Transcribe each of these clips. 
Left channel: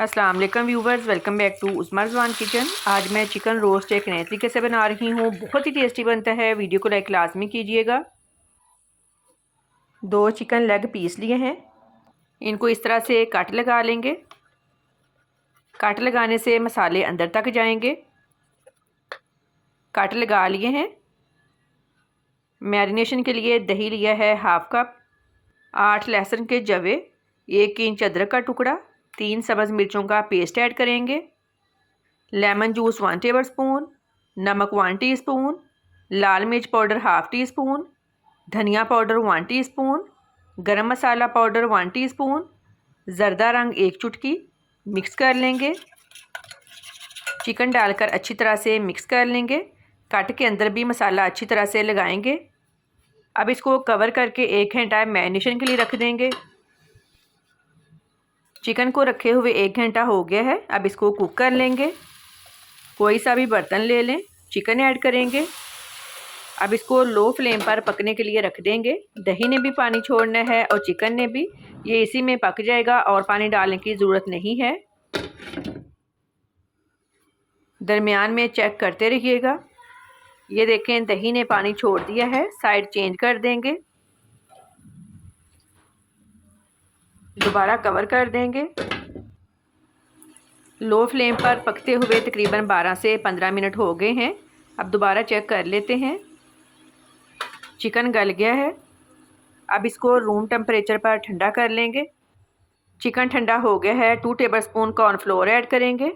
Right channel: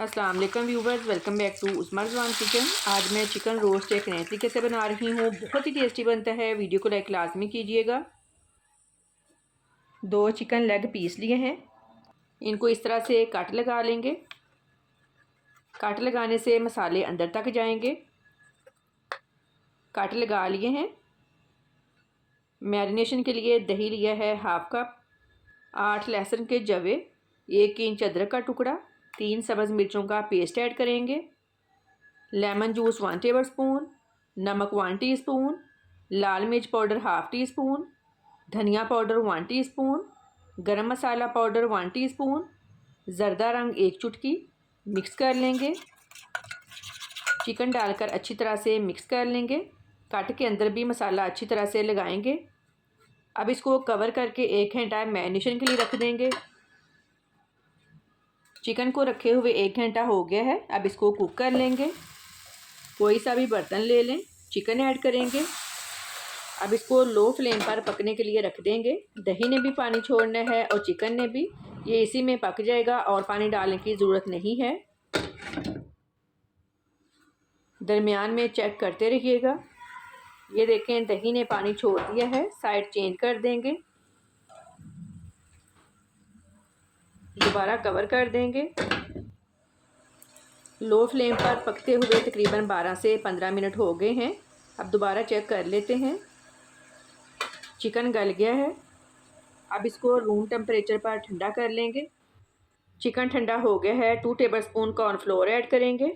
अस्सलाम वालेकुम viewers, welcome back to Usma Rizwan kitchen. आज मैं चिकन रोस्ट एक नए तरीके से बना रही हूँ। बहुत ही टेस्टी बनता है। वीडियो को लाइक लाजमी कीजिएगा। 2 चिकन लेग पीस लिए हैं, इनको इस तरह से कट लगा लेंगे। कट लगाने से मसाले अंदर तक जाएंगे। कट लगा लिए हैं। मैरिनेशन के लिए दही लिया है हाफ कप, 8 लहसुन के जवे, 1 इंच अदरक का टुकड़ा, 3 सब्ज़ मिर्चों का पेस्ट ऐड करेंगे। लेमन जूस 1 टेबल स्पून, नमक 1 टीस्पून, लाल मिर्च पाउडर हाफ टी स्पून, धनिया पाउडर 1 टीस्पून, गरम मसाला पाउडर 1 टीस्पून, ज़र्दा रंग 1 चुटकी। मिक्स कर लेंगे। चिकन डालकर अच्छी तरह से मिक्स कर लेंगे। कट के अंदर भी मसाला अच्छी तरह से लगाएंगे। अब इसको कवर करके 1 घंटा मैरिनेशन के लिए रख देंगे। चिकन को रखे हुए 1 घंटा हो गया है। अब इसको कुक कर लेंगे। कोई सा भी बर्तन ले लें, चिकन ऐड करेंगे। अब इसको लो फ्लेम पर पकने के लिए रख देंगे। दही ने भी पानी छोड़ना है और चिकन ने भी, ये इसी में पक जाएगा और पानी डालने की ज़रूरत नहीं है। दरमियान में चेक करते रहिएगा। ये देखें, दही ने पानी छोड़ दिया है। साइड चेंज कर देंगे। दोबारा कवर कर देंगे। लो फ्लेम पर पकते हुए तकरीबन 12 से 15 मिनट हो गए हैं। अब दोबारा चेक कर लेते हैं। चिकन गल गया है। अब इसको रूम टेम्परेचर पर ठंडा कर लेंगे। चिकन ठंडा हो गया है। 2 टेबलस्पून कॉर्नफ्लोर ऐड करेंगे।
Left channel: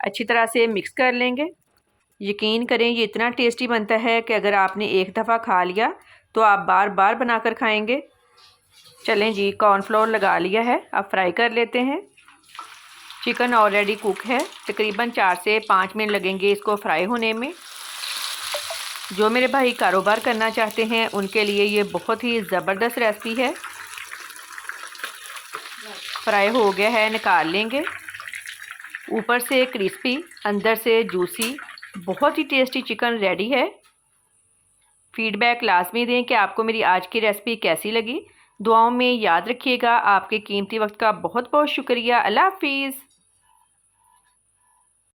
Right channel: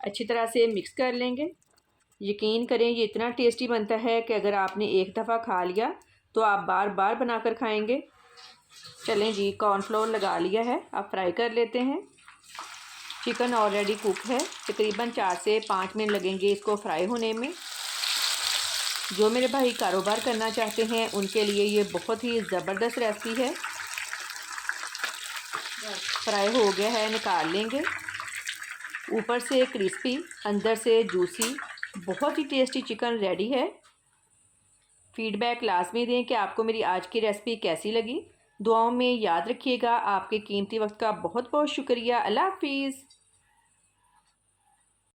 अच्छी तरह से मिक्स कर लेंगे। यकीन करें, ये इतना टेस्टी बनता है कि अगर आपने एक दफ़ा खा लिया तो आप बार बार बनाकर खाएंगे। चलें जी, कॉर्नफ्लोर लगा लिया है। अब फ्राई कर लेते हैं। चिकन ऑलरेडी कुक है। तकरीबन 4 से 5 मिनट लगेंगे इसको फ्राई होने में। जो मेरे भाई कारोबार करना चाहते हैं उनके लिए ये बहुत ही ज़बरदस्त रेसिपी है। फ्राई हो गया है, निकाल लेंगे। ऊपर से क्रिस्पी, अंदर से जूसी, बहुत ही टेस्टी चिकन रेडी है। फीडबैक लाजमी दें कि आपको मेरी आज की रेसिपी कैसी लगी। दुआओं में याद रखिएगा। आपके कीमती वक्त का बहुत बहुत शुक्रिया। अल्लाह हाफिज़।